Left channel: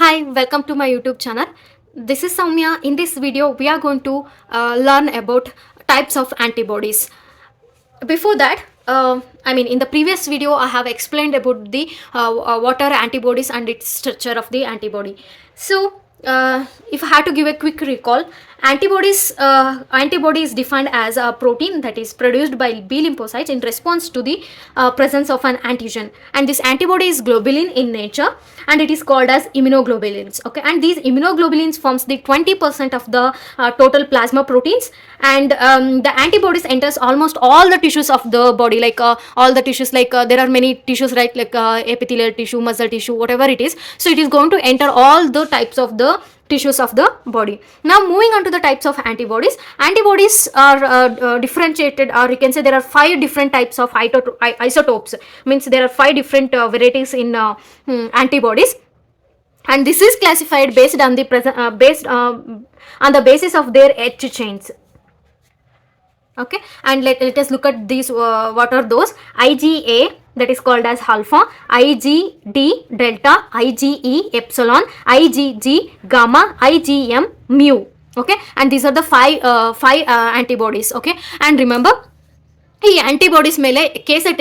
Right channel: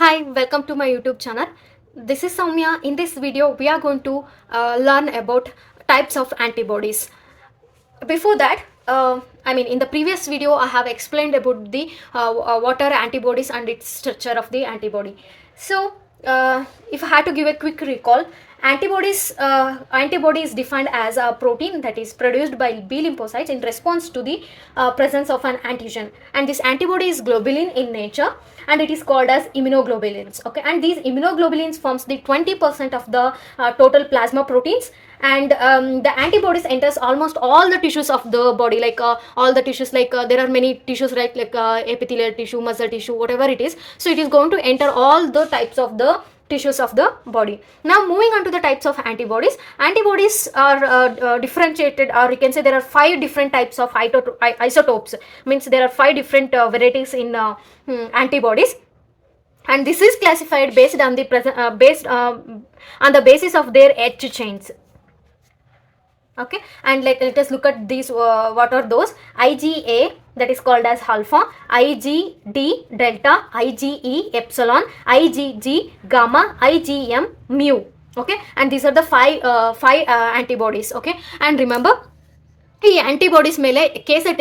Hi, welcome to my YouTube channel. This is Soumya. In this video, we are going to learn about types of antibodies. Before that, in the previous video, I have explained about the what are antibodies and its structure of the antibody. So, if I had to give a quick recall, antibody is defined as a protein that is produced by B lymphocytes in response to the presence of an antigen, and this antibody is globulin in nature, and it is called as immunoglobulins. Okay, and these immunoglobulins forms the 20% of the total plasma proteins, and the antibodies enters almost all the tissues of the body, like all the tissues, like there are many tissues, right, like epithelial tissue, muscle tissue, whatever it is. So it is going to enter all the types of the tissues of the body. Now moving on to the types of antibodies. Antibodies are differentiated, or you can say there are 5 different types of isotopes. Means there are 5 different varieties in antibodies, and this is classified based on the on the basis of their H chains. Okay, and let us look at these. What are those? IgA, that is called as alpha, IgD delta, IgE epsilon, IgG gamma, IgM mu. Okay, and these are the five antibodies. Okay, and remember, ಈ antibodies ಮೇಲೆ KSET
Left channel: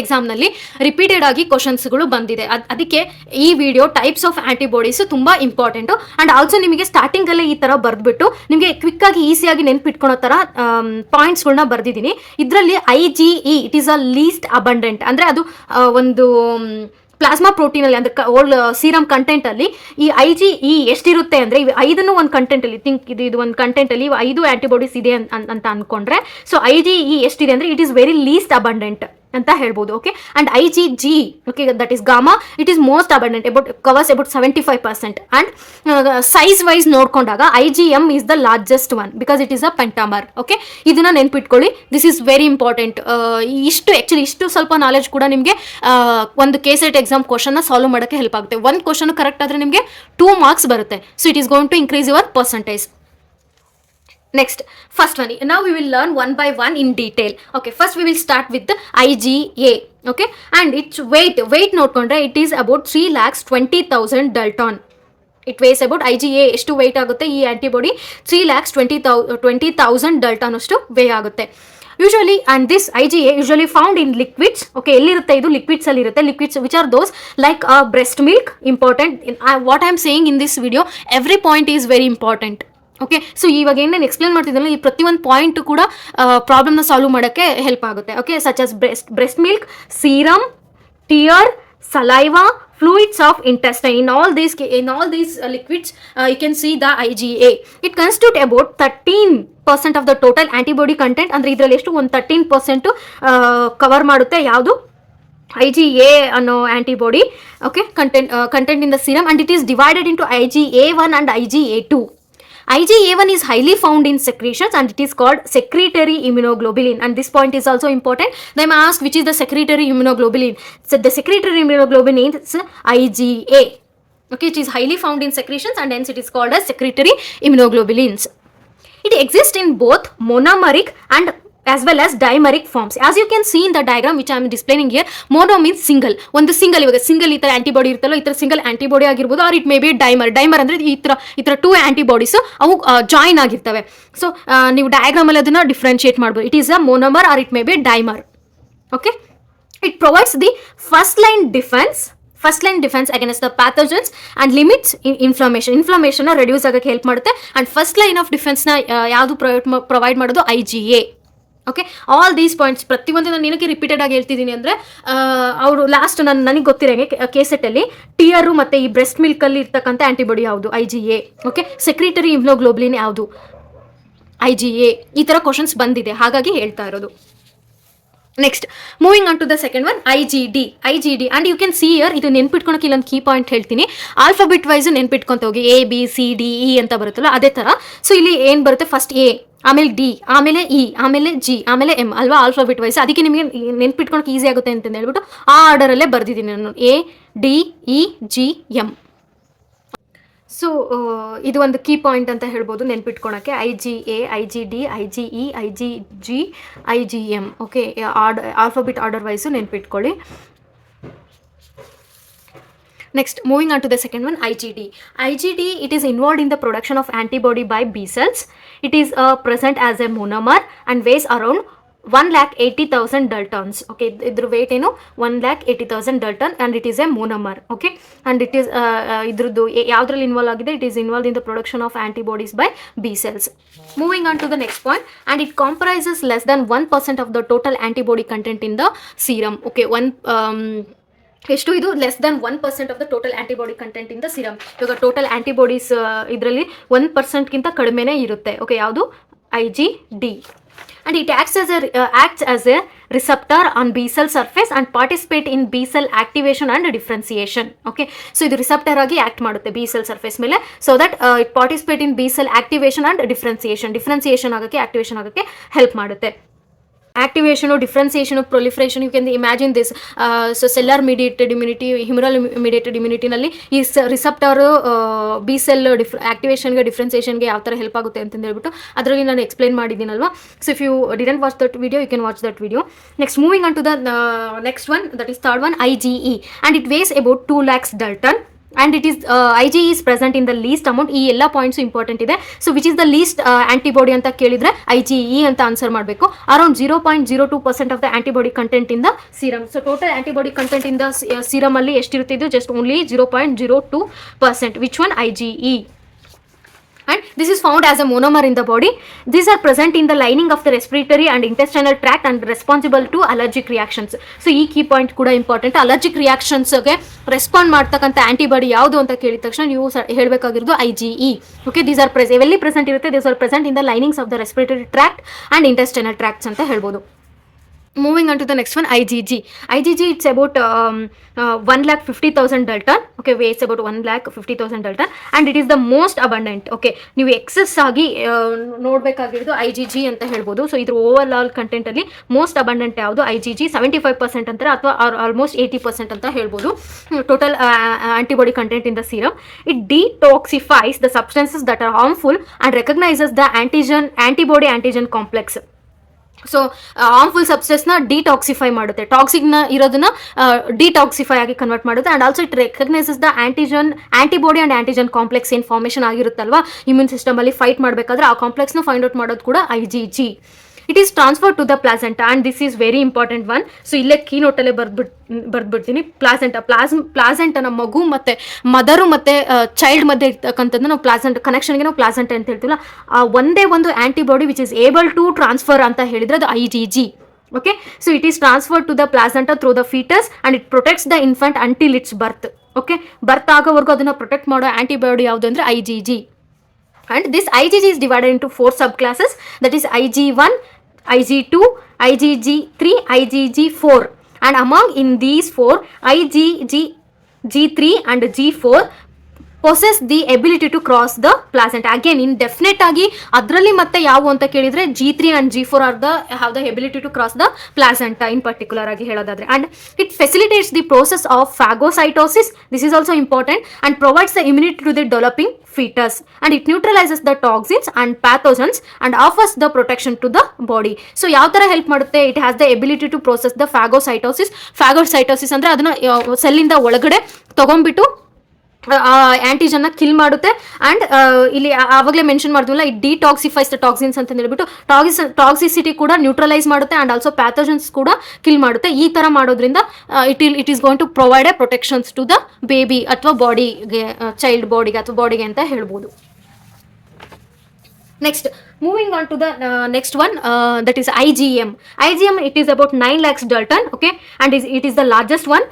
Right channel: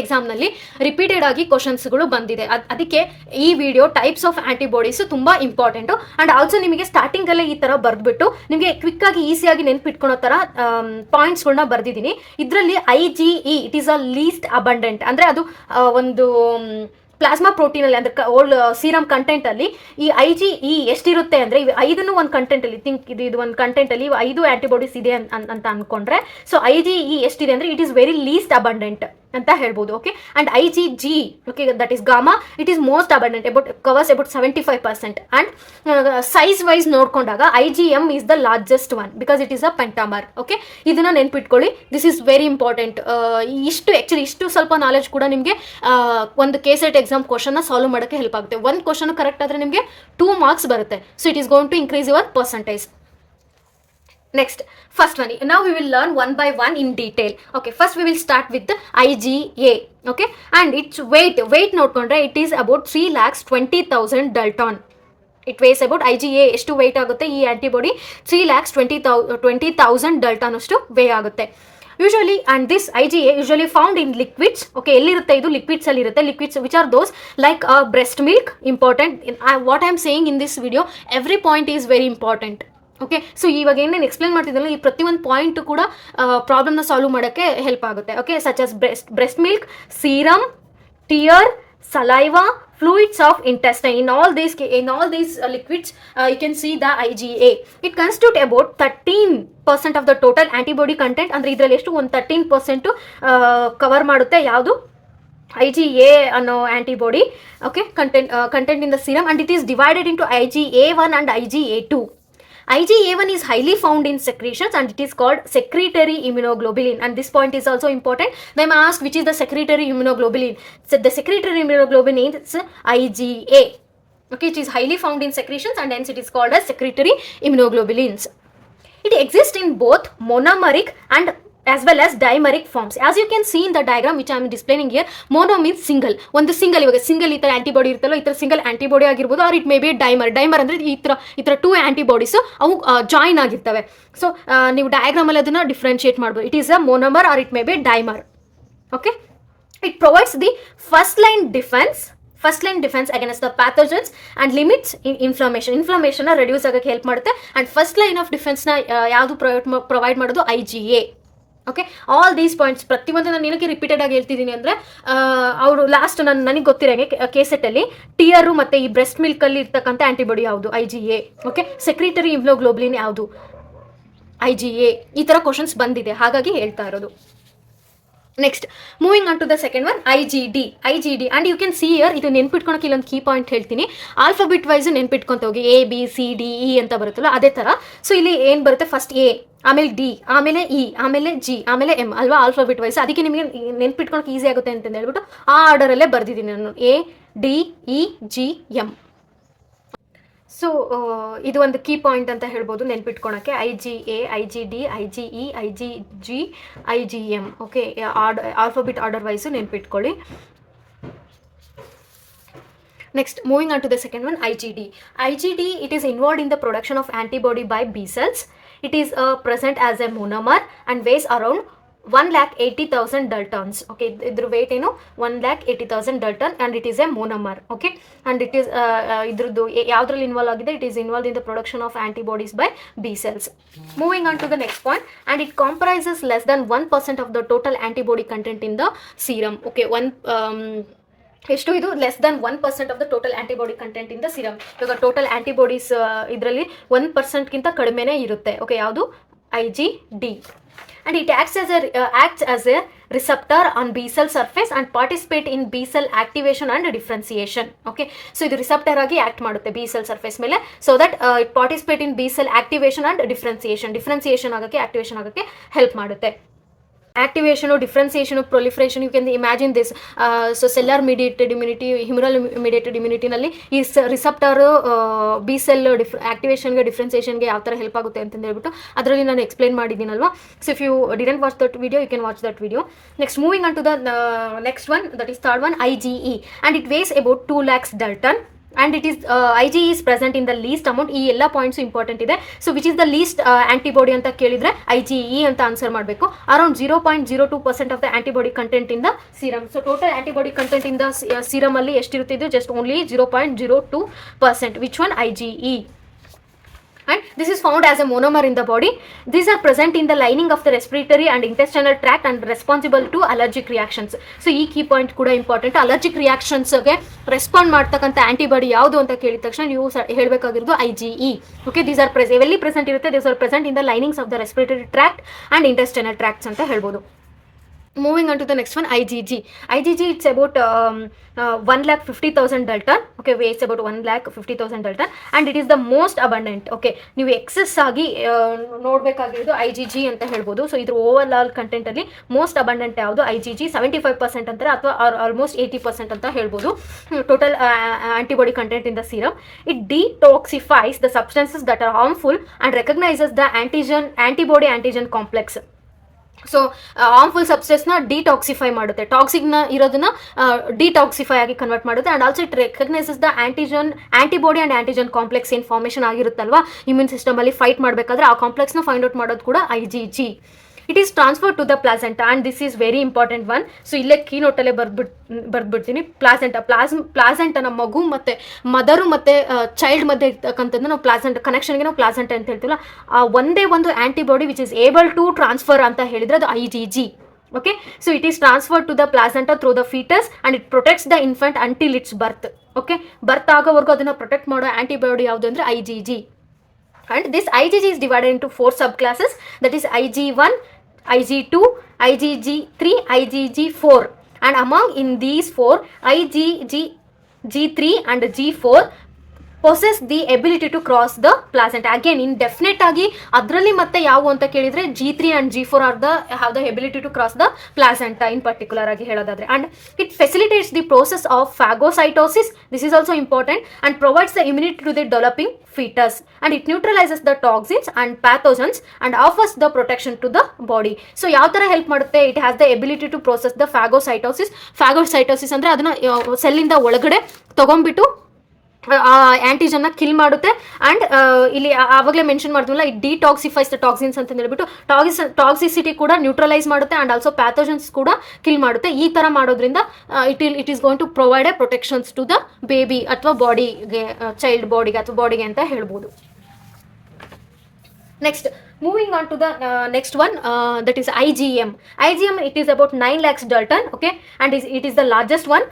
ಎಕ್ಸಾಮ್ನಲ್ಲಿ repeated ಆಗಿ ಕ್ವಶನ್ಸ್ಗಳು ಬಂದಿದೆ. ಅದಕ್ಕೆ ಈ video types of antibodies ತುಂಬ important. And also ನಿಮಗೆ ಸ್ಟಾರ್ಟಿಂಗಲ್ಲೇ ಈ ಥರ ಬರೆದ್ಬಿಟ್ಟು ನಿಮಗೆ ಕ್ವಿಕ್ಕಾಗಿ ಈಸಿಯಾಗಿ ನೆನ್ಪಿಟ್ಕೊಳೋ ಥರ ಪಾಯಿಂಟ್ಸ್ಗಳನ್ನ ಬರೆದಿದ್ದೀನಿ. ಇದರಲ್ಲಿ IgE it is a least abundant, ಅಂದರೆ ಅದು ಒಂದು ಪ್ಲಾಸ್ಮಾ ಪ್ರೋಟೀನಲ್ಲಿ, ಅಂದರೆ ಓಲ್ಡ್ ಸೀರಮ್ ಕಂಟೆಂಟಲ್ಲಿ ಈ IgE ಎಷ್ಟಿರುತ್ತೆ ಅಂದರೆ, ಇವು 5 ಒಂದು ಕಂಟೆಂಟಲ್ಲಿ ಥಿಂಕ್ ಇದು ಒಂದು ಕಂಟೆಂಟಲ್ಲಿ 5 ಆ್ಯಂಟಿಬಾಡೀಸ್ ಇದೆ ಅಂತ ಅಂದ್ಕೊಂಡ್ರೆ, ಸೊ IgE ಎಷ್ಟಿದೆ ಅಂದರೆ it is very least abundant ಅಂತ ಹೇಳ್ಬೋದು. Okay, and IgG, okay, that is gamma, it is most abundant, covers about 75%. And size wise ನೋಡ್ಕೊಂಡಾಗ IgM is the largest one because it is a pentamer. Okay, ಇದನ್ನ ನೆನ್ಪಿಟ್ಕೊಳ್ಳಿ, this is very important. ಇಷ್ಟು ಸ್ವಲ್ಪ knowledge ಕೂಡ ನಿಮಗೆ ಒಂದು KSET exam ಕ್ವಶನ್ನ solve ಮಾಡೋಕ್ಕೆ ಹೆಲ್ಪ್ ಆಗುತ್ತೆ. ಒಂದು ಕ್ವಶನ್ ಕರೆಕ್ಟ್ ಆದರೆ ನಿಮಗೆ 2 ಮಾರ್ಕ್ಸ್ ಬರುತ್ತೆ. So it is going to increase your percentage. Next, first one. Now we will learn one by one in detail. Okay, first we will start with the IgA. Okay, and its weight ನೋಡ್ಕೊಂಡ್ರೆ it is about 3,20,000 Dalton. It weighs about IgA ಎಷ್ಟು weight ಆಗುತ್ತೆ ಈ antibody 3,20,000 Dalton ಅಷ್ಟು way ಆಗುತ್ತೆ usually. And this IgA usually found in liquids. Okay, ಎಲ್ಲಿರುತ್ತೆ ಇದು? Liquids ಅಲ್ಲಿ ಇರುತ್ತೆ. Liquids which are those like breast milk. Important. What I am saying in this video, every point is very important. Okay, so ಇವಾಗ ಏನೇನು explain ಮಾಡ್ತಿದ್ದಲ್ಲ, ಈ ಪ್ರತಿಯೊಂದು point ಕೂಡ ಪ್ರಾಬ್ಲಮ್ನ ಸಾಲ್ವ್ ಮಾಡೋಕ್ಕೆ ಹೆಲ್ಪ್ ಆಗುತ್ತೆ. Okay, such as breast milk, serum, tear, saliva, fluids of intestine. In all these liquids, you can see the IgA. It constitutes about 13% of the total antibody content. ಅಂದರೆ ಇದರಲ್ಲಿ ಎಷ್ಟು ಒಂದು 13% cover ಮಾಡುತ್ತೆ ಯಾವುದು? IgA ಅನ್ನೋ antibody. Okay, content in the serum, and it is divided into IgA1 and IgA2. IgA1 is highly found in secretions, and it is called secretory immunoglobulin, and this point is also important. They may ask which is the secretory immunoglobulin. So the secretory immunoglobulin is IgA. Okay, it is highly found in secretions, and hence it is called as secretory immunoglobulins. It exists in both monomeric and as well as dimeric forms. As you can see in the diagram which I am displaying here, mono means single. ಒಂದು single, ಇವಾಗ single ಈ ಥರ antibody ಇರ್ತಲ್ಲ, ಈ ಥರ single antibody ಆಗಿರ್ಬೋದು, or it may be dimer ಅಂದರೆ ಈ ಥರ 2 ಆಂಟಿಬಾಡೀಸು ಅವು ಜಾಯಿನ್ ಆಗಿರ್ತವೆ. ಸೊ ನೀವು ಡಯಾಗ್ರಾಮಲ್ಲಿ ಅದನ್ನು ಡಿಫ್ರೆನ್ಶಿಯೇಟ್ ಮಾಡ್ಬೋದು. It is a monomer or it may be dimer. Okay, it provides the first line defence against the pathogens and limits inflammation reduce ಆಗೋಕ್ಕೆ help ಮಾಡುತ್ತೆ. ಅಂಡ್ ಫಸ್ಟ್ ಲೈನ್ ಆಫ್ ಡಿಫೆನ್ಸ್ನ ಯಾವುದು provide ಮಾಡೋದು? IgA. Okay, all these points ಪ್ರತಿಯೊಂದು ನಾನು ಏನಕ್ಕೆ repeated ಆಗಿ ಹೇಳ್ತಿದ್ದೀನಿ ಅಂದರೆ, ಅವರು ಲಾಸ್ಟ್ ನನಗೆ ಗೊತ್ತಿರೋಂಗೆ ಕೆಸೆಟ್ಟಲ್ಲಿ ಟಿಯರು ಮತ್ತು ಈ ಬ್ರೆಸ್ಟ್ ಮಿಲ್ಕಲ್ಲಿ ಇರ್ತಕ್ಕಂಥ ಆಂಟಿಬಾಡಿ ಯಾವುದು? IgA. ಓಕೆ, ಸೆಕ್ರಿಟರಿ ಇಮ್ಯುನೋಗ್ಲೋಬುಲಿನ್ ಯಾವುದು? IgA. ಈ ಥರ ಕ್ವಶನ್ಸ್ ಬಂದಿದೆ, ಹಾಗಾಗಿ ಹೇಳ್ತಾ ಇರೋದು. Next, moving on to the second one, IgD. And you can see here, ಇದು ನೆನ್ಪಿಟ್ಕೊಳಕ್ಕೆ ಇಲ್ಲೊಂದು ಕೀ ಪಾಯಿಂಟ್ ಹೇಳ್ತೀನಿ. ಆಲ್ಫಾಬಿಟ್ ವೈಸು ನೆನ್ಪಿಟ್ಕೊತ ಹೋಗಿ, ABCDE ಅಂತ ಬರುತ್ತಲ್ಲ ಅದೇ ಥರ. ಸೊ ಇಲ್ಲಿ ಏನು ಬರುತ್ತೆ? ಫಸ್ಟ್ A, ಆಮೇಲೆ D, ಆಮೇಲೆ E, ಆಮೇಲೆ G, ಆಮೇಲೆ M ಅಲ್ವಾ? Alphabet wise. ಅದಕ್ಕೆ ನಿಮಗೆ ನೆನ್ಪಿಟ್ಕೊಳಕ್ಕೆ ಈಸಿ ಆಗುತ್ತೆ ಅಂತ ಹೇಳ್ಬಿಟ್ಟು ಆ ಆರ್ಡರಲ್ಲೇ ಬರ್ದಿದ್ದೀನಿ ನಾನು, ADEGM. ಸೊ ಇದು ಒಂದು ಕೀ ಪಾಯಿಂಟ್ ಅಂತ ಹೇಳ್ಬೋದು ನೆನ್ಪಿಟ್ಕೊಳಕ್ಕೆ. IgA, IgD, IgE, IgG, IgM. Okay, alphabet order wise ನೆನ್ಪಿಟ್ಕೊಳ್ಳಿ. Next, moving on to the second one, IgD. IgD, it is involved in the production of antibody by B cells. It is present as a monomer and weighs around 1,80,000 daltons. Okay, idr weight ಏನು 1,80,000 dalton and it is a monomer. Okay, and it is ಇದ್ರದ್ದು ಯಾವ್ದ್ರಲ್ಲಿ involve ಆಗಿದೆ, it is involved in the production of antibodies by B cells. Moving on to the next point, and it comprises less than 1% of the total antibody content in the serum. Okay, ಎಷ್ಟು ಇದು less than 1% of the total antibody content in the serum. ಇವಾಗ total antibodies ಇದರಲ್ಲಿ 1%ಗಿಂತ ಕಡಿಮೆನೇ ಇರುತ್ತೆ. Okay, ಯಾವುದು IgD. And it acts as a receptor on B cell surface and participate in B cell activation and differentiation. Okay, so ಇದು receptor ಆಗಿ act ಮಾಡುತ್ತೆ B cell surface ಮೇಲೆ, so that it participate in B cell activation and differentiation ಆಗಕ್ಕೆ, activation ಆಗಕ್ಕೆ help ಮಾಡುತ್ತೆ. Activation or differentiation or proliferation, you can imagine this. So cellular mediated immunity, humoral mediated immunity ನಲ್ಲಿ ಈ receptor B cell ಆಕ್ಟಿವೇಶನ್ಗೆ ಡಿಫ್ರೆನ್ಸಿಯೇಷನ್ಗೆ ಯಾವ ಥರ help ಆಗುತ್ತೆ ಅಂತ ಹೇಳ್ಬಿಟ್ಟು ಅದರಲ್ಲಿ ನಾನು ಎಕ್ಸ್ಪ್ಲೈನ್ ಮಾಡಿದ್ದೀನಲ್ವಾ. So if you didn't watch that video, you can watch that video. Next, moving on to the next one, that is third one, IgE, and it weighs about 2 lakhs dalton. And it is IgE is present in the least amount. ಈ ಎಲ್ಲ points important ಇದೆ. So which is the least antibody ಅಂತ ಕೇಳಿದ್ರೆ IgE ಅಂತ answer ಮಾಡಬೇಕು. Around 0.02% of the antibody content in the serum. So total antibody content in the serum ಅಲ್ಲಿ ಎಷ್ಟಿರುತ್ತೆ, ಇದು just only 0.02%. Which one? IgE. And this is found as a monomer in the body. These are present in the lining of the respiratory and intestinal tract and responsible to allergic reactions. So ಈ key point ಕೂಡ important. Allergic ರಿಯಾಕ್ಷನ್ಸ್ಗೆ respond ಮಾಡ್ತಕ್ಕಂಥ antibody ಯಾವುದು ಅಂತ ಕೇಳಿದ ತಕ್ಷಣ ನೀವು ಹೇಳಬೇಕಾಗಿರೋದು IgE. ಓಕೆ, ದೀಸ್ ಆರ್ ಎಲ್ಲಿ ಪ್ರೆಸೆಂಟ್ ಇರುತ್ತೆ, these are present in the linings of the respiratory tract and intestinal tracts ಅಂತ ಹೇಳ್ಬೋದು. Moving on to the next one, IgG. IgG, it's about 1,50,000 dalton. Okay, weighs about 1,50,000 dalton, and it is the most abundant. Okay, ನೀವು excess ಆಗಿ ನೋಡಬೇಕಾಗಿರೋದು IgG ಅಂತ ಹೇಳ್ಬೋದು. So ಇದ್ರ over all content ಅಲ್ಲಿ most abundant ಯಾವುದು? IgG. 75% ಅಂತಾರೆ, ಅಥವಾ ಆಲ್ಮೋಸ್ಟ್ 80% ಅಂತ ಹೇಳ್ಬೋದು total antibody content in the serum. It detoxifies the substances that are harmful and recognises the antibody antigen complex. So harmful ಸಬ್ಸ್ಟೆನ್ಸ್ನ ಡಿಟಾಕ್ಸಿಫೈ ಮಾಡುತ್ತೆ, ಟಾಕ್ಸಿಕ್ನ ಇರೋದನ್ನ ಡಿಟಾಕ್ಸಿಫೈ ಆಗಿ ಕನ್ವರ್ಟ್ ಮಾಡುತ್ತೆ. And also it recognises the antibody and antigen complex ಏನು formation ಆಗಿರುತ್ತಲ್ವಾ immune ಸಿಸ್ಟಮಲ್ಲಿ fight ಮಾಡಬೇಕಾದ್ರೆ, ಆ ಕಾಂಪ್ಲೆಕ್ಸ್ನ ಫೈಂಡ್ ಔಟ್ ಮಾಡೋದು ಕೂಡ IgG. It is transfer to the placenta, and this is very important one. So ಇಲ್ಲೇ ಕೀ ನೋಟಲ್ಲೇ ಬರ್ದ್ಬಿಡ್ತೀನಿ. ಪ್ಲಾಸೆಂಟನ ಮಗು ಮತ್ತು ಮದರು ಮತ್ತು ಚೈಲ್ಡ್ ಮಧ್ಯೆ ಇರ್ತಕ್ಕಂಥದ್ದು ನಾವು ಕನೆಕ್ಷನ್ಗೆ ನಾವು ಪ್ಲಾಸೆಂಟ ಅಂತ ಹೇಳ್ತೀವಲ್ಲ, ಆ ಒಂದೇ ಒಂದು antibody which is able to transfer ಅಂತ ಹೇಳಿದರೆ ಅದು IgG. Okay, so it is transferred to the placenta through the fetus and it protects the infant until its birth. Okay, birth ಆಗೋವರೆಗೂ ಅದನ್ನು ಪ್ರೊಟೆಕ್ಟ್ ಮಾಡೋ ಆಂಟಿಬಾಡಿ ಯಾವುದು ಅಂದರೆ IgG. And this IgG is divided into 4 subclasses, that is IG1, IG2, IgG3, IgG4. And among in these 4, IgG3 and G4 possess the ability to cross the placenta. Again, indefinite ಆಗಿ ಅದರಲ್ಲಿ ಮತ್ತೆ ಯಾವ ಅಂತ ಕೇಳಿದ್ರೆ G3 and G4 have the ability to cross the placenta in particular ಆಗಿ ಹೇಳೋದಾದ್ರೆ. And it facilitates the process of phagocytosis. This is also important and provides the immunity to the developing fetus, and it neutralizes the toxins and pathogens and offers the protection to the body. So ಯಾವ ತರ help ಮಾಡುತ್ತೆ? It has the ability to process the phagocytosis ಅಂದ್ರೆ ಅದನ್ನ ಸೆಲ್ಲಿಂದ ಒಳಗಡೆ ತಗೊಂಡ್ಬಿಟ್ಟು ಆಂಟಿಜನ್ನ kill ಮಾಡುತ್ತೆ. And ಇಲ್ಲಿ ಆವಾಗಲೇ ಮೆನ್ಷನ್ ಮಾಡಿದ್ವಲ್ಲ, ಇಟ್ ಡಿಟಾಕ್ಸಿಫೈಸ್ ದ ಟಾಕ್ಸಿನ್ಸ್ ಅಂತ ಹೇಳ್ಬಿಟ್ಟು ಟಾಕ್ಸಿಸಿಟಿ ಕೂಡ ನ್ಯೂಟ್ರಲೈಸ್ ಮಾಡುತ್ತೆ ಆ್ಯಂಡ್ ಆಲ್ಸೋ ಪ್ಯಾಥೋಜನ್ಸ್ ಕೂಡ ಕಿಲ್ ಮಾಡುತ್ತೆ. ಈ ಥರ ಮಾಡೋದ್ರಿಂದ it is going to provide a protections to the baby ಅಥವಾ ಬಾಡಿಗೆ, ಚೈಲ್ಡ್ ಬಾಡಿಗೆ ಅಥವಾ ಬಾಡಿಗೆ ಅಂತ ಹೇಳ್ಬೋದು. Next, moving on to the next one, that is IgM. IgM, it is about 9 lakhs dalton. Okay, and it is the largest one.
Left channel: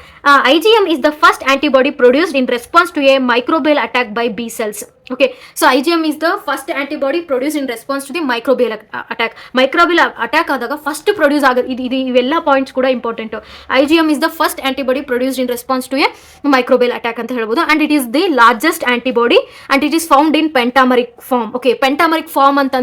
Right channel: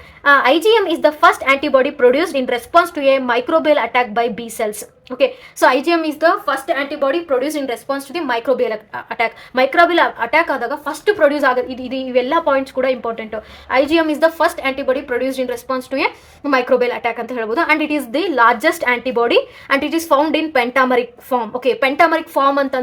IgM is the first antibody produced in response to a microbial attack by B cells. Okay, so IgM is the first antibody produced in response to the microbial attack. Microbial attack ಆದಾಗ first produce ಆಗೋದು ಇದು ಇವೆಲ್ಲ points ಕೂಡ important. IgM is the first antibody produced in response to a microbial attack ಅಂತ ಹೇಳ್ಬೋದು. And it is the largest antibody and it is found in pentameric form. Okay, pentameric form ಅಂತ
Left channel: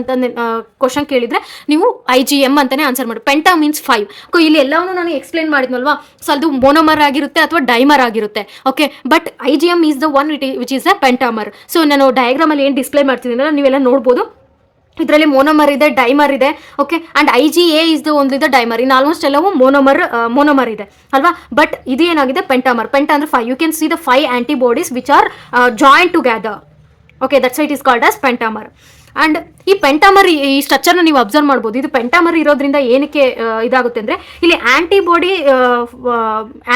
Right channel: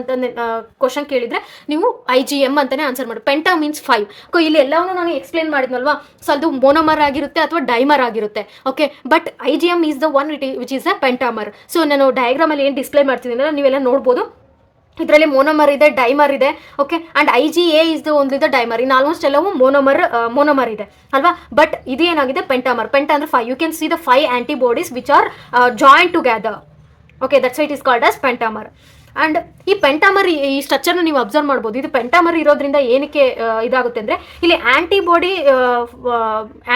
question ಕೇಳಿದ್ರೆ ನೀವು IgM ಅಂತಾನೆ answer ಮಾಡಿ. Penta means 5. ಇಲ್ಲಿ ಎಲ್ಲವನ್ನೂ ನಾನು ಎಕ್ಸ್ಪ್ಲೈನ್ ಮಾಡಿದ್ನಲ್ವಾ, ಸೊ ಅದು ಮೋನೋಮರ್ ಆಗಿರುತ್ತೆ ಅಥವಾ ಡೈಮರ್ ಆಗಿರುತ್ತೆ. Okay, but IgM is the one which is a pentamer. So ನಾನು ಡಯಾಗ್ರಾಮ್ ಅಲ್ಲಿ ಏನು ಡಿಸ್ಪ್ಲೇ ಮಾಡ್ತಿದ್ದೀನಲ್ಲ ನೀವೆಲ್ಲ ನೋಡ್ಬೋದು. ಇದರಲ್ಲಿ ಮೋನೋಮರ್ ಇದೆ, ಡೈಮರ್ ಇದೆ. ಓಕೆ, ಅಂಡ್ IgA ಇಸ್ ಒಂದಿದೆ ಡೈಮರ್. ಇನ್ ಆಲ್ಮೋಸ್ಟ್ ಎಲ್ಲವೂ ಮೋನೋಮರ್ ಇದೆ ಅಲ್ವಾ. ಬಟ್ ಇದು ಏನಾಗಿದೆ ಪೆಂಟಾಮರ್. ಪೆಂಟಾ ಅಂದ್ರೆ 5. You can see the 5 antibodies which are joint together. Okay, that's it is called as pentamer. And ಈ ಪೆಂಟಾಮರ್, ಈ ಸ್ಟ್ರಕ್ಚರ್ನ ನೀವು ಅಬ್ಸರ್ವ್ ಮಾಡ್ಬೋದು. ಇದು ಪೆಂಟಾಮರ್ ಇರೋದ್ರಿಂದ ಏನಕ್ಕೆ ಇದಾಗುತ್ತೆ ಅಂದರೆ, ಇಲ್ಲಿ ಆಂಟಿಬಾಡಿ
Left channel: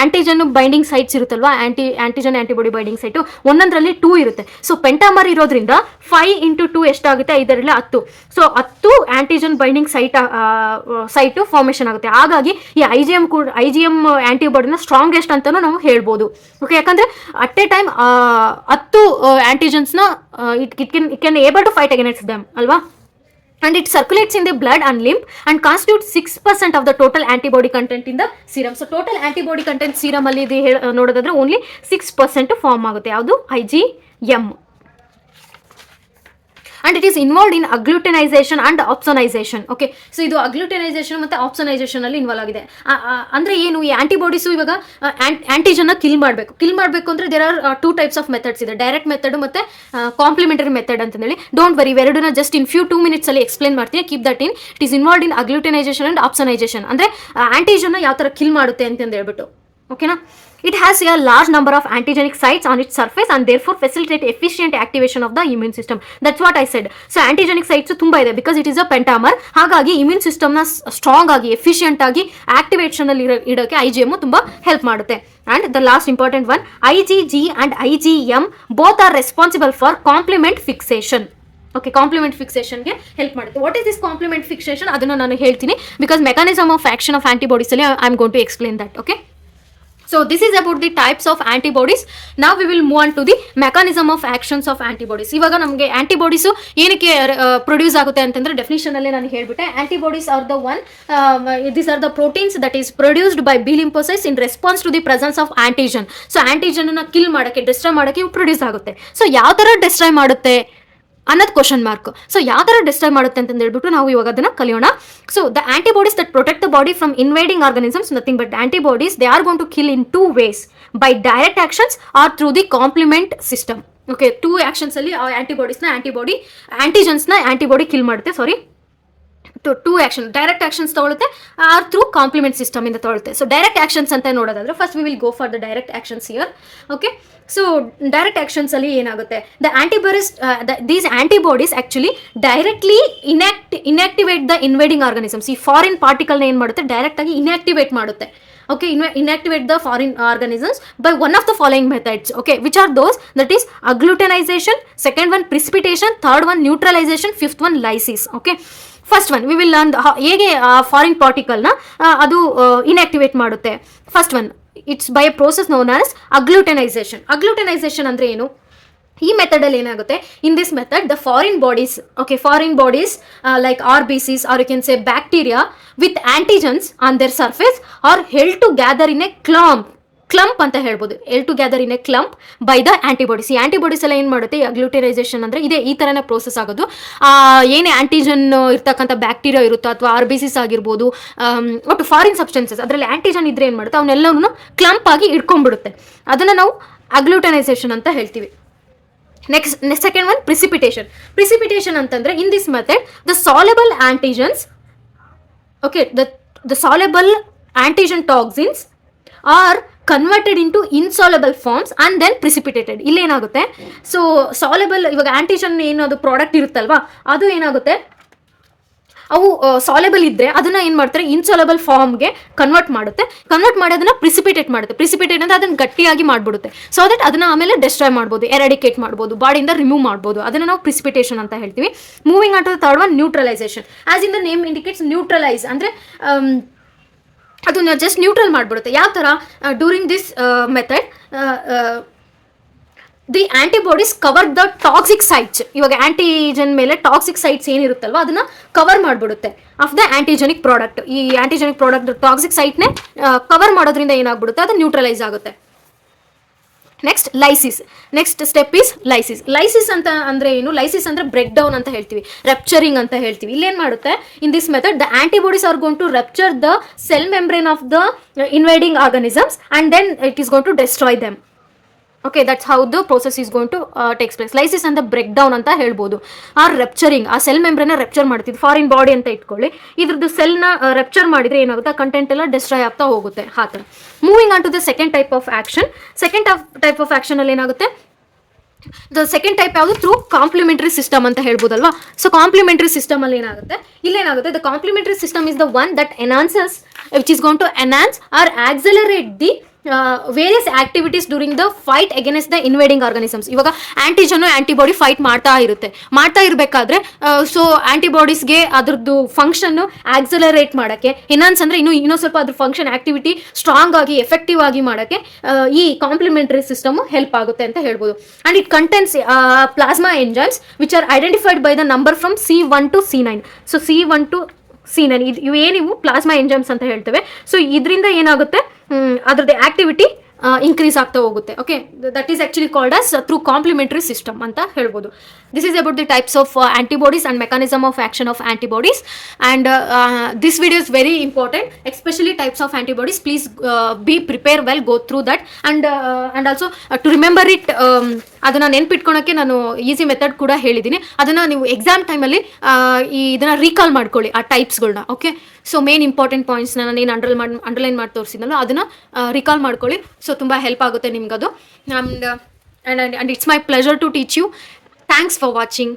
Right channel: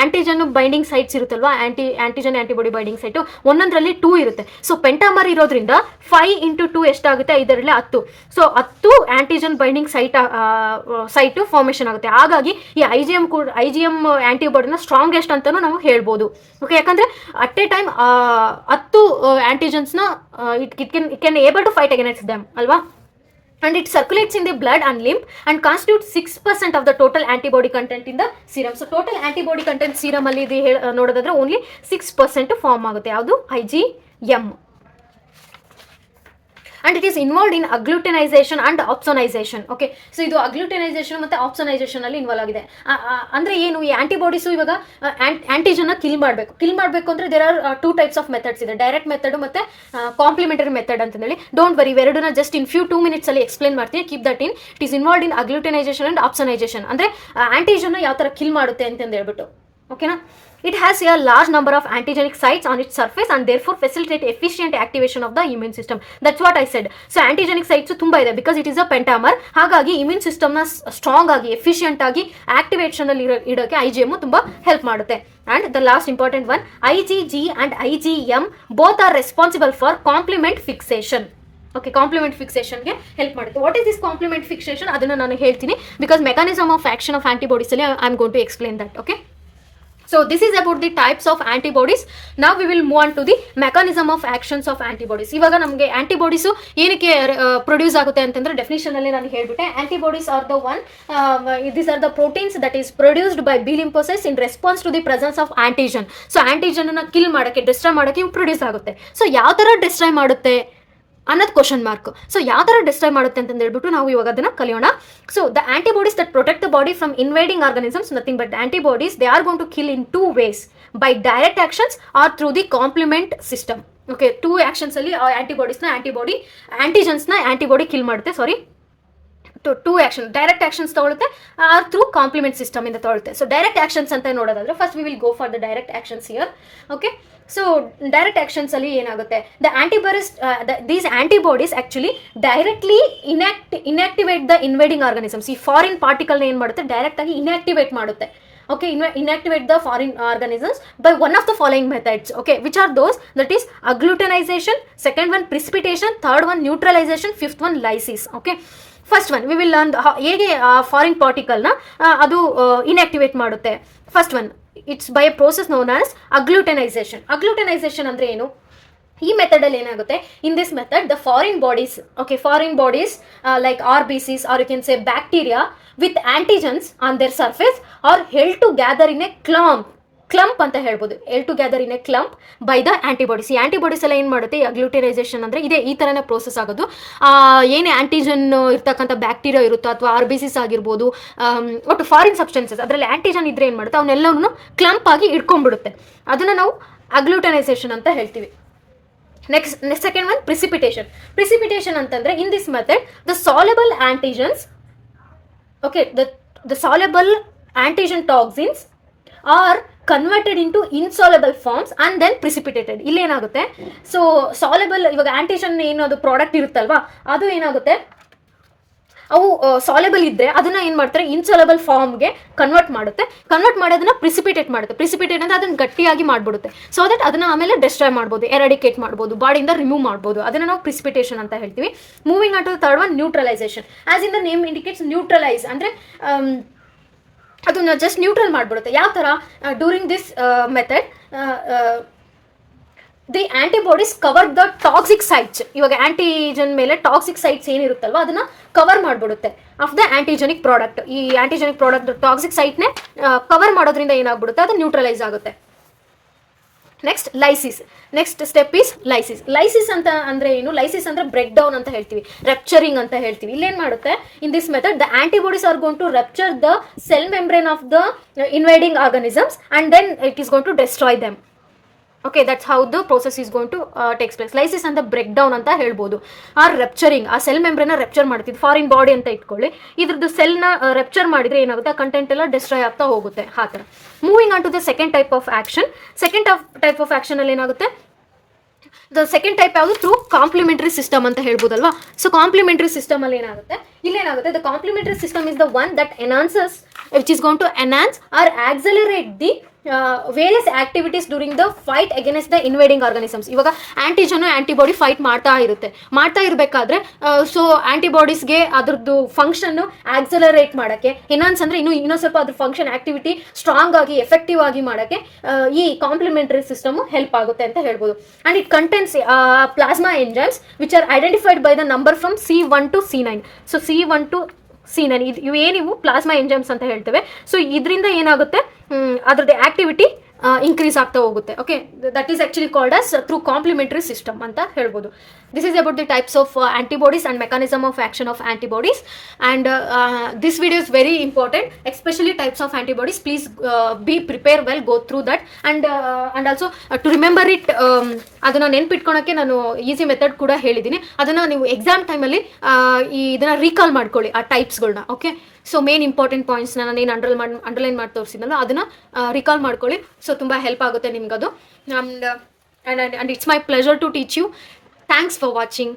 ಆಂಟಿಜನ್ ಬೈಂಡಿಂಗ್ ಸೈಟ್ಸ್ ಇರುತ್ತಲ್ವಾ, ಆಂಟಿಜನ್ ಆಂಟಿಬಾಡಿ ಬೈಂಡಿಂಗ್ ಸೈಟು ಒಂದೊಂದರಲ್ಲಿ 2 ಇರುತ್ತೆ. ಸೊ ಪೆಂಟಾಮರ್ ಇರೋದ್ರಿಂದ 5 × 2 ಎಷ್ಟಾಗುತ್ತೆ, 5 × 10. So 10 antigen binding site formation ಆಗುತ್ತೆ. ಹಾಗಾಗಿ ಈ IgM ಆಂಟಿಬಾಡಿನ ಸ್ಟ್ರಾಂಗೆಸ್ಟ್ ಅಂತಲೂ ನಾವು ಹೇಳ್ಬೋದು. ಓಕೆ, ಯಾಕಂದರೆ ಅಟ್ ಎ ಟೈಮ್ 10 ಆಂಟಿಜನ್ಸ್ನ it can able to fight against them alva. And it circulates in the blood and lymph and constitutes 6% of the total antibody content in the serum. So total antibody content serum ಅಲ್ಲಿ ಇದು ನೋಡೋದಾದ್ರೆ only 6% form ಆಗುತ್ತೆ. ಯಾವುದು? IgM. and it is involved in agglutinization and opsonization. Okay, so ಇದು agglutinization ಮತ್ತೆ opsonization ಅಲ್ಲಿ involve ಆಗಿದೆ. ಅಂದ್ರೆ ಏನು, ಈ ಆಂಟಿಬಾಡೀಸು ಇವಾಗ ಆಂಟಿಜನ್ ಕಿಲ್ ಮಾಡಬೇಕು ಅಂದ್ರೆ there are 2 types of methods ಇದೆ, ಡೈರೆಕ್ಟ್ ಮೆಥಡ್ ಮತ್ತೆ ಕಾಂಪ್ಲಿಮೆಂಟರಿ ಮೆಥಡ್ ಅಂತ ಹೇಳಿ. ಡೋಂಟ್ ವರಿ, ಇವೆರಡನ್ನ ಜಸ್ಟ್ ಇನ್ 2 minutes ಅಲ್ಲಿ ಎಕ್ಸ್ಪ್ಲೇನ್ ಮಾಡ್ತೀನಿ. Keep that in. It is involved in agglutinisation and opsonisation. ಅಂದ್ರೆ ಆಂಟಿಜನ್ ಯಾವ ತರ ಕಿಲ್ ಮಾಡುತ್ತೆ ಅಂತ ಹೇಳ್ಬಿಟ್ಟು. ಓಕೆನಾ. It has a large number of antigenic sites on its surface and therefore facilitate efficient activation of the immune system. That's what I said. So antigenic sites ತುಂಬಾ ಇದೆ because it is a pentamer. ಹಾಗಾಗಿ immune ಸಿಸ್ಟಮ್ನ strong ಆಗಿ efficient ಆಗಿ activation ಅಲ್ಲಿ ಇಡೋಕೆ IgM ತುಂಬಾ help ಮಾಡುತ್ತೆ. And the last important one, IgG and IgM both are responsible for complement fixation. Okay, complement ಫಿಕ್ಸೇಷನ್ಗೆ ಹೆಲ್ಪ್ ಮಾಡುತ್ತೆ. What is this complement fixation ಅದನ್ನು ನಾನು ಹೇಳ್ತೀನಿ, because mechanism of action of antibodies ಅಲ್ಲಿ I am going to explain that. Okay, so this is about the types of antibodies. Now we will move on to the mechanism of actions of antibodies. ಇವಾಗ ನಮಗೆ antibodies ಏನಕ್ಕೆ produce ಆಗುತ್ತೆ ಅಂತಂದ್ರೆ definition ಅಲ್ಲಿ ನಾನು ಹೇಳ್ಬಿಟ್ಟೆ. Antibodies are the one, these are the proteins that is produced by B lymphocytes in response to the presence of antigen. So antigen ಅನ್ನ kill ಮಾಡೋಕ್ಕೆ, ಡಿಸ್ಟ್ರಾಯ್ ಮಾಡೋಕ್ಕೆ ಇವು ಪ್ರೊಡ್ಯೂಸ್ ಆಗುತ್ತೆ. ಸೊ ಯಾವ ಥರ ಡಿಸ್ಟ್ರಾಯ್ ಮಾಡುತ್ತೆ ಅನ್ನೋದು ಕ್ವಶನ್ ಮಾರ್ಕ್. ಸೊ ಯಾವ ಥರ ಡಿಸ್ಟ್ರಾಯ್ ಮಾಡುತ್ತೆ ಅಂತ ಹೇಳ್ಬಿಟ್ಟು ನಾವು ಇವಾಗ ಅದನ್ನು ಕಲಿಯೋಣ. So the antibodies that protect the body from invading organisms, nothing but antibodies. They are going to kill in 2 ways, by direct actions or through the complement system. Okay, 2 actions ಅಲ್ಲಿ ಆಂಟಿಜನ್ಸ್ನ antibody kill ಮಾಡುತ್ತೆ. Sorry, 2 action, direct actions ತಗೊಳುತ್ತೆ or through complement system ಇಂದ ತಗೊಳುತ್ತೆ. So direct actions ಅಂತ ನೋಡೋದಾದ್ರೆ first we will go for the direct actions here. Okay, so direct actions ಅಲ್ಲಿ ಏನಾಗುತ್ತೆ, these antibodies actually directly inactivate the invading organisms. ಈ foreign ಪಾರ್ಟಿಕಲ್ನ ಏನು ಮಾಡುತ್ತೆ, ಡೈರೆಕ್ಟ್ ಆಗಿ ಇನ್ಆಕ್ಟಿವೇಟ್ ಮಾಡುತ್ತೆ. Okay, inactivate the foreign organisms by one of the following methods. Okay, which are those? That is agglutinization, second one precipitation, third one neutralization, fifth one lysis. Okay, first one we will learn ಹೇಗೆ foreign ಪಾರ್ಟಿಕಲ್ನ ಅದು inactivate ಮಾಡುತ್ತೆ. First one, it's by a process known as agglutinisation. Agglutinisation ಅಂದರೆ ಏನು? ಈ ಮೆಥಡಲ್ಲಿ ಏನಾಗುತ್ತೆ, in this method the foreign bodies like RBCs or you can say bacteria with antigens on their surface are held together in a clump ಅಂತ ಹೇಳ್ಬೋದು. Together in a clump by the antibodies. ಈ antibodies ಎಲ್ಲ ಏನು ಮಾಡುತ್ತೆ, ಅಗ್ಲೂಟಿನೈಸೇಷನ್ ಅಂದರೆ ಈ ಥರನೇ process ಆಗೋದು. ಏನೇ ಆಂಟಿಜನ್ ಇರ್ತಕ್ಕಂಥ ಬ್ಯಾಕ್ಟೀರಿಯಾ ಇರುತ್ತೋ ಅಥವಾ RBCs ಆಗಿರ್ಬೋದು, ಒಟ್ಟು ಫಾರಿನ್ ಸಬ್ಸ್ಟೆನ್ಸಸ್ ಅದರಲ್ಲಿ ಆಂಟಿಜನ್ ಇದ್ರೆ ಏನು ಮಾಡುತ್ತೆ, ಅವನ್ನೆಲ್ಲವೂ ಕ್ಲಂಪ್ ಆಗಿ ಇಟ್ಕೊಂಡ್ಬಿಡುತ್ತೆ. ಅದನ್ನು ನಾವು ಅಗ್ಲೂಟಿನೈಸೇಷನ್ ಅಂತ ಹೇಳ್ತೀವಿ. ನೆಕ್ಸ್ಟ್ ಸೆಕೆಂಡ್ ಒನ್ ಪ್ರಿಸಿಪಿಟೇಷನ್ ಅಂತಂದರೆ in this method the soluble antigens, okay, the soluble antigen toxins are converted into insoluble forms and then precipitated. ಇಲ್ಲೇನಾಗುತ್ತೆ, ಸೊ ಸಾಲ್ಯುಬಲ್ ಇವಾಗ ಆಂಟಿಜನ್ ಏನು ಅದು ಪ್ರಾಡಕ್ಟ್ ಇರುತ್ತಲ್ವಾ, ಅದು ಏನಾಗುತ್ತೆ, ಅವು ಸಾಲ್ಯುಬಲ್ ಇದ್ದರೆ ಅದನ್ನು ಏನು ಮಾಡ್ತಾರೆ, ಇನ್ಸಾಲ್ಯುಬಲ್ ಫಾರ್ಮ್ಗೆ ಕನ್ವರ್ಟ್ ಮಾಡಿ ಅದನ್ನು ಪ್ರಿಸಿಪಿಟೇಟ್ ಮಾಡುತ್ತೆ. ಪ್ರಿಸಿಪಿಟೇಟ್ ಅಂದರೆ ಅದನ್ನು ಗಟ್ಟಿಯಾಗಿ ಮಾಡಿಬಿಡುತ್ತೆ. ಸೊ ದಟ್ ಅದನ್ನು ಆಮೇಲೆ ಡೆಸ್ಟ್ರಾಯ್ ಮಾಡ್ಬೋದು, ಎರಾಡಿಕೇಟ್ ಮಾಡ್ಬೋದು, ಬಾಡಿಯಿಂದ ರಿಮೂವ್ ಮಾಡ್ಬೋದು. ಅದನ್ನು ನಾವು ಪ್ರಿಸಿಪಿಟೇಷನ್ ಅಂತ ಹೇಳ್ತೀವಿ. Moving on to the third one, neutralisation. As in the name indicates, neutralise ಅಂದರೆ ಅದನ್ನ ಜಸ್ಟ್ ನ್ಯೂಟ್ರಲ್ ಮಾಡಿಬಿಡುತ್ತೆ. ಯಾವ ಥರ, during this method the antibodies cover the toxic sites. ಇವಾಗ ಆಂಟಿಜನ್ ಮೇಲೆ ಟಾಕ್ಸಿಕ್ ಸೈಟ್ಸ್ ಏನಿರುತ್ತಲ್ವ ಅದನ್ನು ಕವರ್ ಮಾಡಿಬಿಡುತ್ತೆ ಆಫ್ ದ ಆಂಟಿಜೆನಿಕ್ ಪ್ರಾಡಕ್ಟ್. ಈ ಆಂಟಿಜೆನಿಕ್ ಪ್ರಾಡಕ್ಟ್ ಟಾಕ್ಸಿಕ್ ಸೈಟ್ನೇ ಕವರ್ ಮಾಡೋದ್ರಿಂದ ಏನಾಗ್ಬಿಡುತ್ತೆ, ಅದು ನ್ಯೂಟ್ರಲೈಸ್ ಆಗುತ್ತೆ. Next lysis. Next step is lysis. Lysis ಅಂತ ಅಂದರೆ ಏನು? ಲೈಸಿಸ್ ಅಂದರೆ ಬ್ರೇಕ್ ಡೌನ್ ಅಂತ ಹೇಳ್ತೀವಿ, ರಪ್ಚರಿಂಗ್ ಅಂತ ಹೇಳ್ತೀವಿ. ಇಲ್ಲೇನು ಮಾಡುತ್ತೆ, in this method the antibodies are going to rupture the cell membrane of the invading organisms and then it is going to destroy them. Okay, that's how the process is going to takes place. Lysis ಅಂತ break down ಅಂತ ಹೇಳ್ಬೋದು. Rupturing, ಆ cell ಮೆಂಬ್ರೇನ rupture ಮಾಡ್ತಿದ್ದು foreign body ಅಂತ ಇಟ್ಕೊಳ್ಳಿ. ಇದ್ರದ್ದು ಸೆಲ್ನ ರೆಪ್ಚರ್ ಮಾಡಿದ್ರೆ ಏನಾಗುತ್ತೆ, ಕಂಟೆಂಟ್ ಎಲ್ಲ ಡಿಸ್ಟ್ರಾಯ್ ಆಗ್ತಾ ಹೋಗುತ್ತೆ. ಆ ಥರ. Moving on to the second type of action. Second type of action ಅಲ್ಲಿ ಏನಾಗುತ್ತೆ, ದ ಸೆಕೆಂಡ್ ಟೈಪ್ ಯಾವುದು, ಥ್ರೂ ಕಾಂಪ್ಲಿಮೆಂಟರಿ ಸಿಸ್ಟಮ್ ಅಂತ ಹೇಳ್ಬೋದಲ್ವಾ. ಸೊ ಕಾಂಪ್ಲಿಮೆಂಟರಿ ಸಿಸ್ಟಮ್ ಅಲ್ಲಿ ಏನಾಗುತ್ತೆ, ಇಲ್ಲೇನಾಗುತ್ತೆ, the complementary system is the one that enhances, which is going to enhance or accelerate the various activities during the fight against the invading organisms. ಇವಾಗ antigen antibody fight ಮಾಡ್ತಾ ಇರಬೇಕಾದ್ರೆ so ಆಂಟಿಬಾಡೀಸ್ಗೆ ಅದ್ರದ್ದು function accelerate ಮಾಡೋಕ್ಕೆ, ಎನಾನ್ಸ್ ಅಂದರೆ ಇನ್ನೂ ಸ್ವಲ್ಪ ಅದ್ರ function activity strong ಆಗಿ ಎಫೆಕ್ಟಿವ್ ಆಗಿ ಮಾಡೋಕ್ಕೆ ಈ ಕಾಂಪ್ಲಿಮೆಂಟರಿ ಸಿಸ್ಟಮ್ ಹೆಲ್ಪ್ ಆಗುತ್ತೆ ಅಂತ ಹೇಳ್ಬೋದು. And it contains plasma enzymes which are identified by the number from C1 to C9. So C1 to C9 ಇವು ಏನಿವು ಪ್ಲಾಸ್ಮಾ ಎಂಜೈಮ್ಸ್ ಅಂತ ಹೇಳ್ತೇವೆ. ಸೊ ಇದರಿಂದ ಏನಾಗುತ್ತೆ, ಅದ್ರದ್ದು ಆಕ್ಟಿವಿಟಿ ಇನ್ಕ್ರೀಸ್ ಆಗ್ತಾ ಹೋಗುತ್ತೆ. Okay, that is actually called as through complementary system ಅಂತ ಹೇಳ್ಬೋದು. This is about the types of antibodies and mechanism of action of antibodies. And this video is very important, especially types of antibodies. Please be prepare well, go through that. And also to remember it, ಅದನ್ನು ನೆನ್ಪಿಟ್ಕೊಳಕ್ಕೆ ನಾನು easy method ಕೂಡ ಹೇಳಿದ್ದೀನಿ. ಅದನ್ನು ನೀವು exam ಟೈಮಲ್ಲಿ ಇದನ್ನು recall ಮಾಡ್ಕೊಳ್ಳಿ, ಆ ಟೈಪ್ಸ್ಗಳನ್ನ. ಓಕೆ, ಸೊ ಮೇನ್ ಇಂಪಾರ್ಟೆಂಟ್ ಪಾಯಿಂಟ್ಸ್ನ ನಾನು ಏನು ಅಂಡರ್ಲೈನ್ ಮಾಡಿ ತೋರಿಸಿದ್ನಲ್ಲ ಅದನ್ನು ರಿಕಾಲ್ ಮಾಡ್ಕೊಳ್ಳಿ. ಸೊ ತುಂಬ ಹೆಲ್ಪ್ ಆಗುತ್ತೆ ನಿಮ್ಗದು. And it's my pleasure to teach you. Thanks for watching.